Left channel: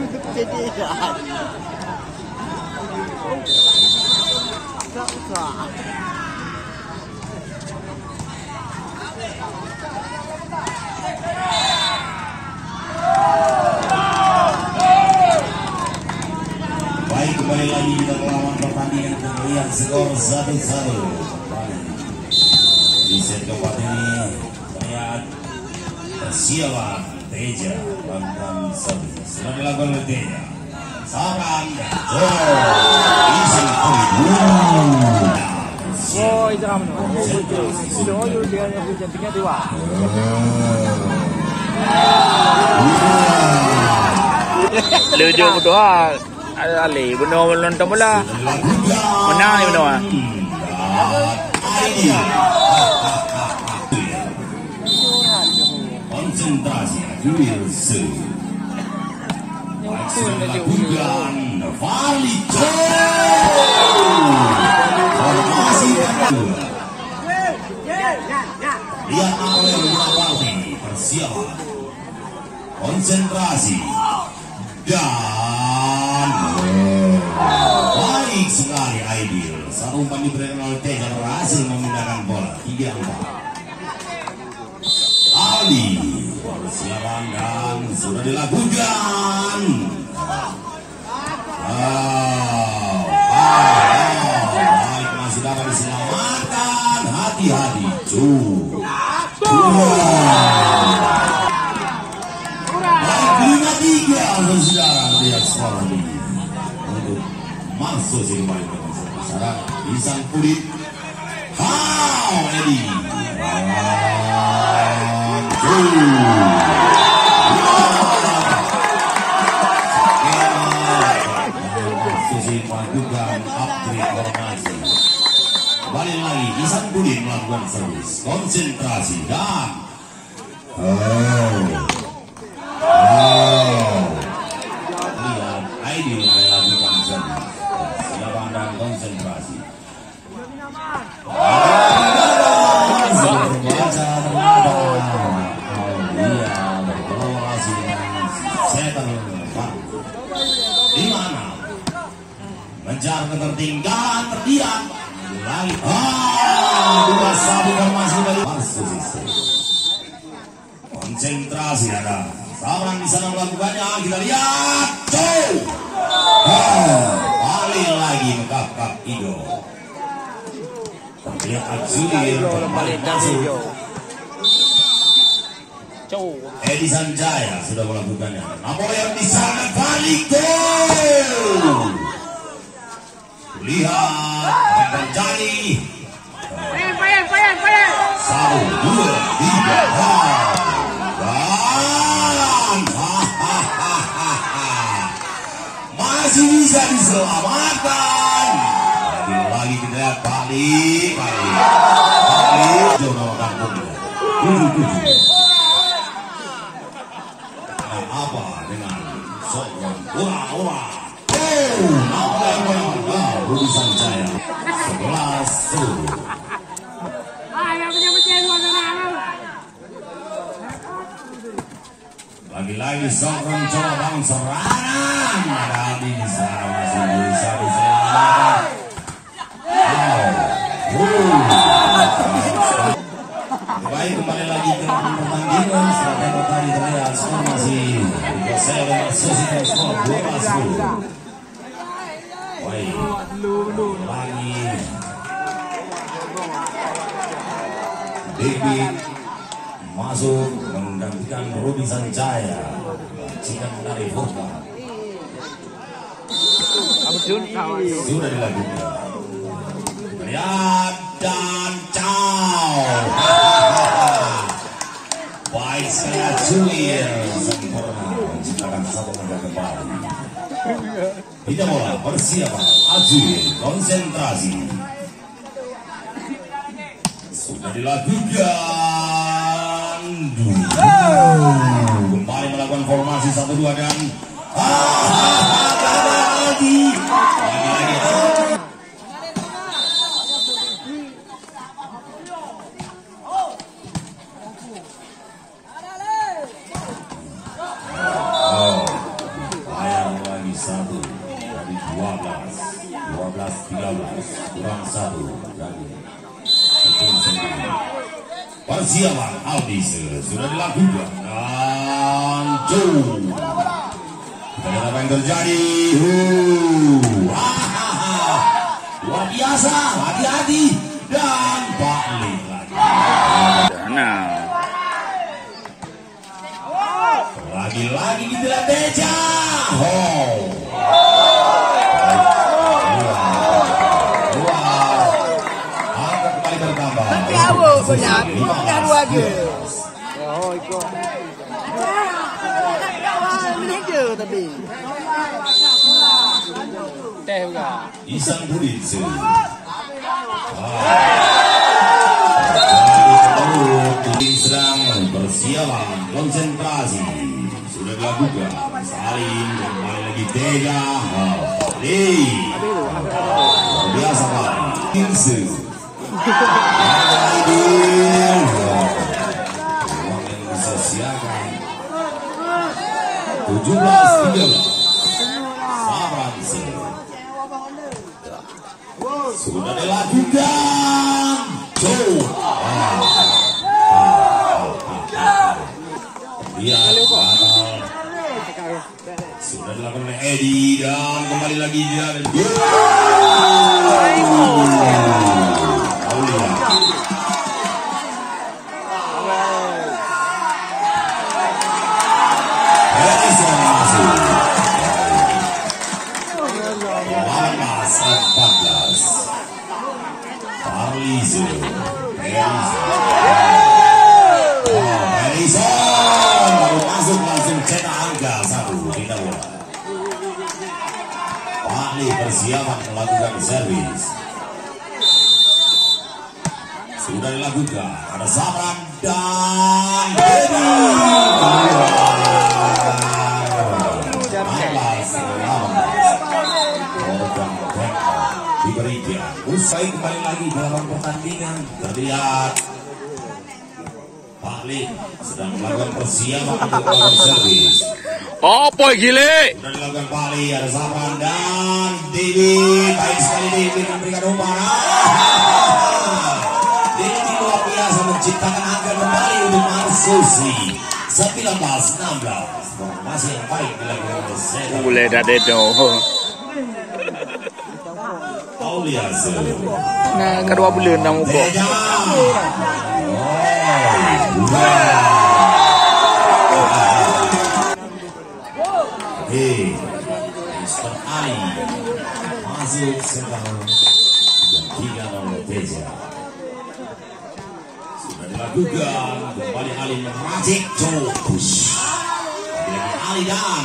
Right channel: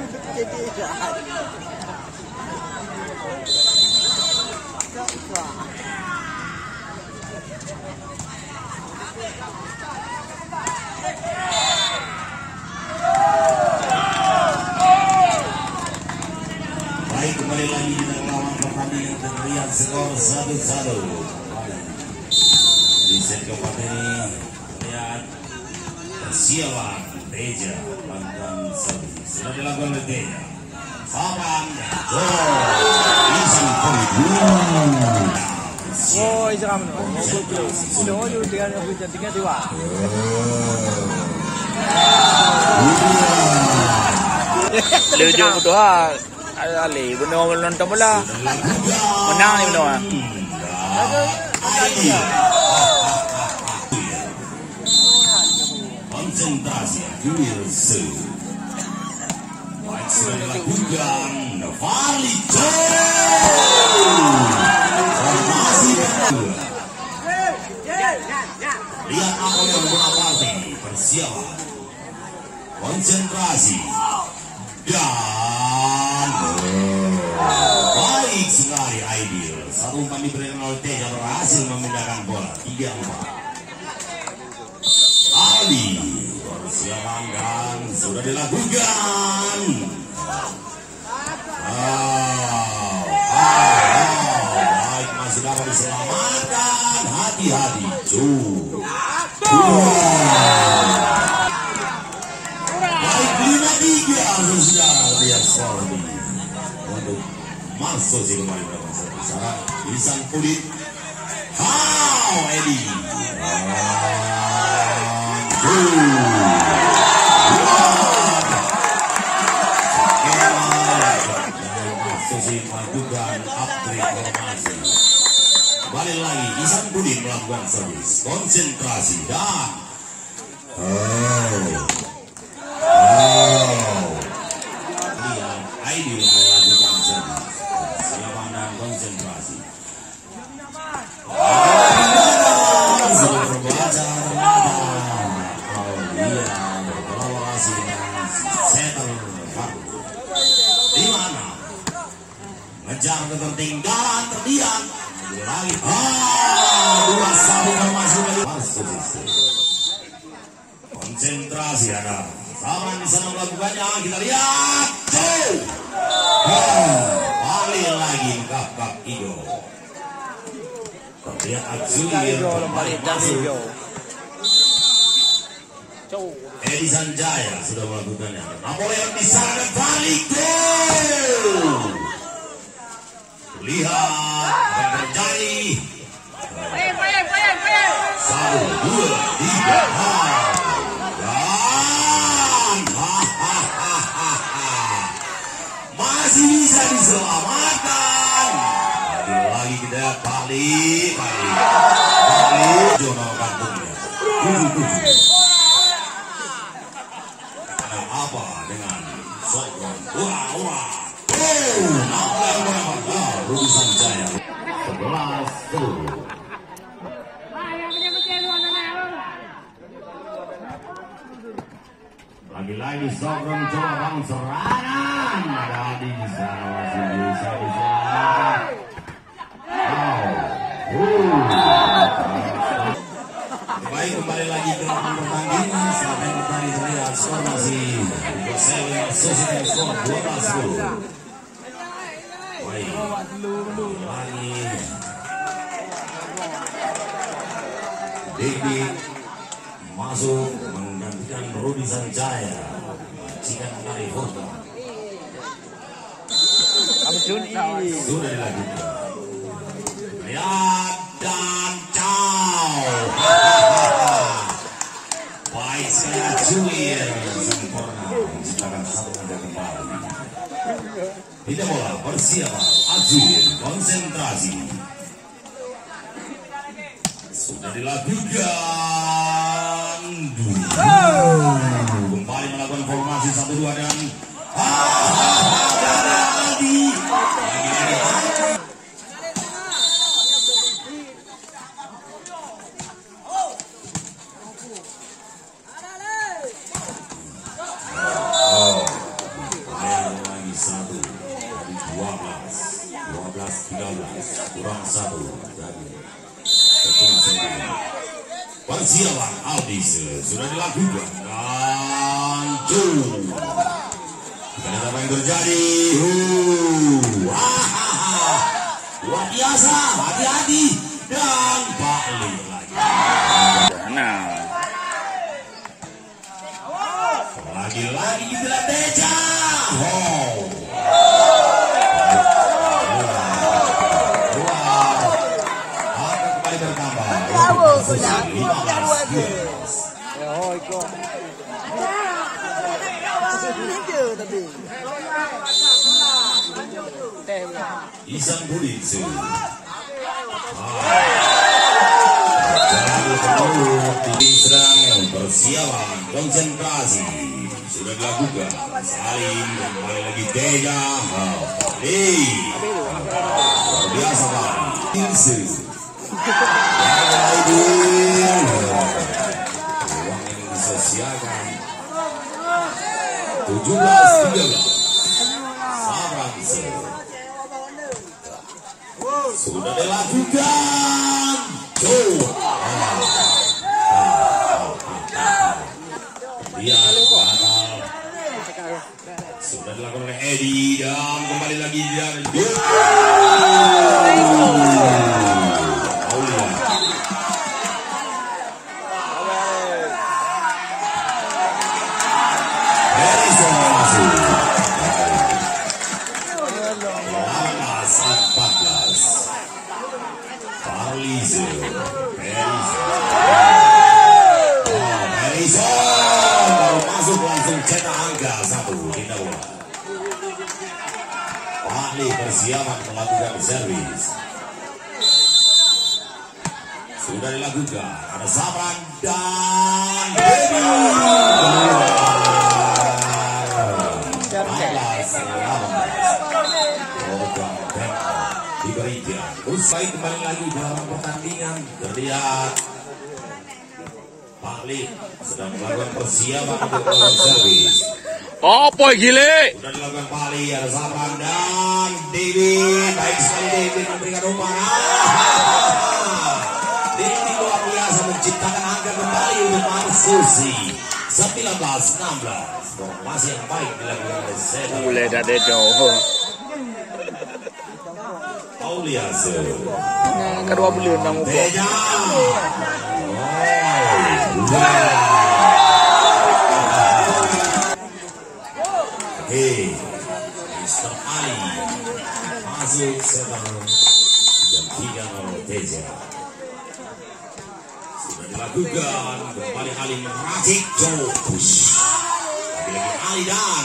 Baik, kembali lagi kita melawan pertandingan dan melihat skor 1-1. Di set keempat ini terlihat persiapan Teja melakukan servis. Sudah dilakukan oleh Teja. Sarang Izin Lucu betul ah. Ali benar nonton bola. Menang ni benar. Konsentrasi Wilson. Sudah dilakukan Valito. Lihat apa yang berarti persiapan. Konsentrasi dan baik sekali Aidil. Satu umpan diberikan oleh Teja berhasil memindahkan bola 3-4. Ali persiapan dan sudah dilakukan. Baik, masih dapat diselamatkan. Hati-hati. Baik, 5-3 saudara. Lihat skor ini untuk masuk sih kembali ke sana. Insan Kulit. Edi. Melakukan upgrade formasi. Kembali lagi Isan Budi melakukan servis. Konsentrasi dan lihat Aidil melakukan servis. Persiapan dan konsentrasi. Berbaca ternyata berkolaborasi dengan Setel di mana mengejar ketertinggalan terdiam lagi 2-1 formasi balik konsentrasi ada Saban di sana melakukannya. Kita lihat balik lagi kap Ido terlihat Abzulir kembali masuk. Edi Sanjaya sudah melakukannya. Napoleon di sana balik gol. Lihat apa yang terjadi. 1, 2, 3 dan masih bisa diselamatkan. Lagi kita balik Jono kampungnya 7-7. Apa dengan Sokwan ura Rudi Sanjaya 11-10. Lagi-lagi Sokwan coba bangun serangan. Ada Adi di sana masih bisa diselamatkan. Baik, kembali lagi ke pertandingan. Setelah tadi terlihat skor masih Sosial skor 12-10. Baik, lagi David masuk menggantikan Rudi Sanjaya. Jika dari Furka sudah dilakukan. Lihat dan baik saya Julian sempurna menciptakan satu benda kembali. Kita bola persiapan Azul konsentrasi sudah dilakukan. Kembali melakukan formasi 1-2 dan lagi satu dari 12 kurang satu dari tepung sendiri. Persiapan Aldi sudah dilakukan dan ternyata apa yang terjadi? Luar biasa, hati-hati dan balik lagi. Nah, lagi-lagi di Deja. Angka kembali bertambah. Isang Buditsu. Sedang persiapan konsentrasi sudah dilakukan. Saling kembali lagi Deja. Luar biasa Pak. Buditsu. Uang yang disosialkan 17-13 Saranse sudah dilakukan. Sudah dilakukan oleh Edi dan kembali lagi dia dan persiapan melakukan servis sudah dilakukan. Ada Saban dan diberikan. Usai kembali lagi dalam pertandingan terlihat Pak Lee sedang melakukan persiapan untuk melakukan servis. apa gile? Sudah dilakukan Pak Lee, ada Saban dan Dewi. Baik sekali Dewi memberikan umpan. Dewi luar biasa menciptakan angka kembali untuk Marsusi. 19-16. Masih yang baik dilakukan oleh Seda. Boleh dah dedo. Auliase. Nah, kedua bulan dah muka. Deja. Mr. Ali masuk sekarang yang 3-0 Deja. Sudah dilakukan kembali Ali meracik Jokus. Lagi Ali dan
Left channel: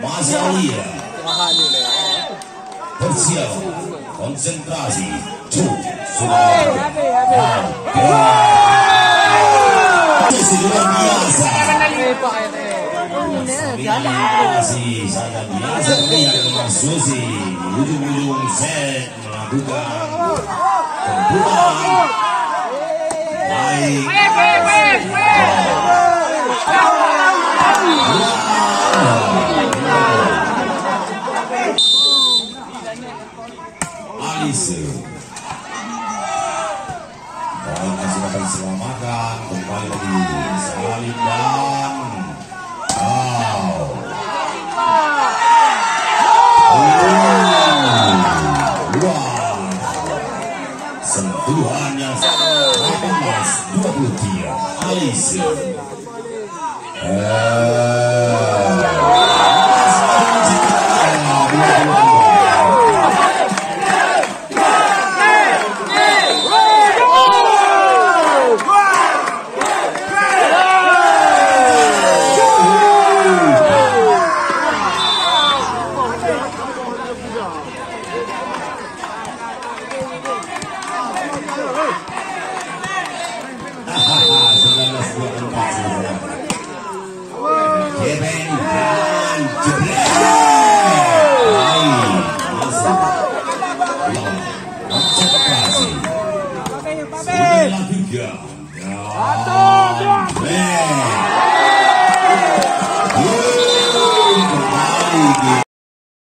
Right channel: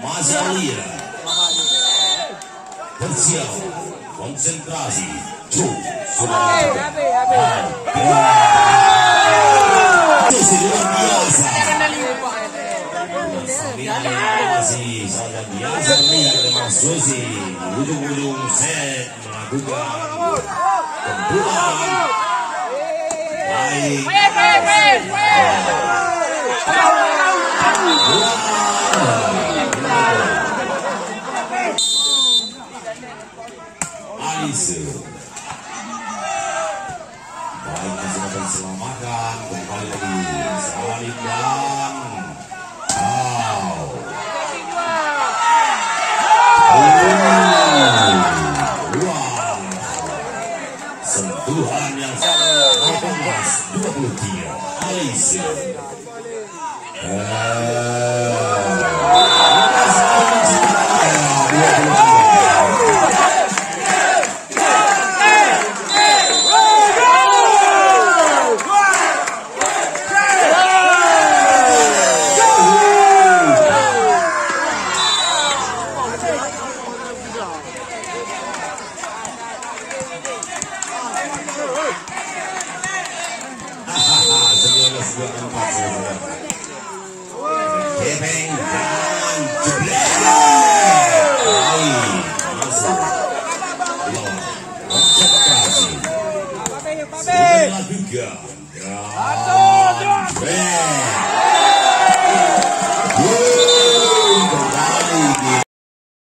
masih Alia bersiap konsentrasi sudah biasa masih saja biasa melihat Marsusi ujung-ujung set melakukan kumpulan baik Alise baik masih akan selamatkan kembali lagi Salim dan sentuhan yang 18-23 Alise Kevin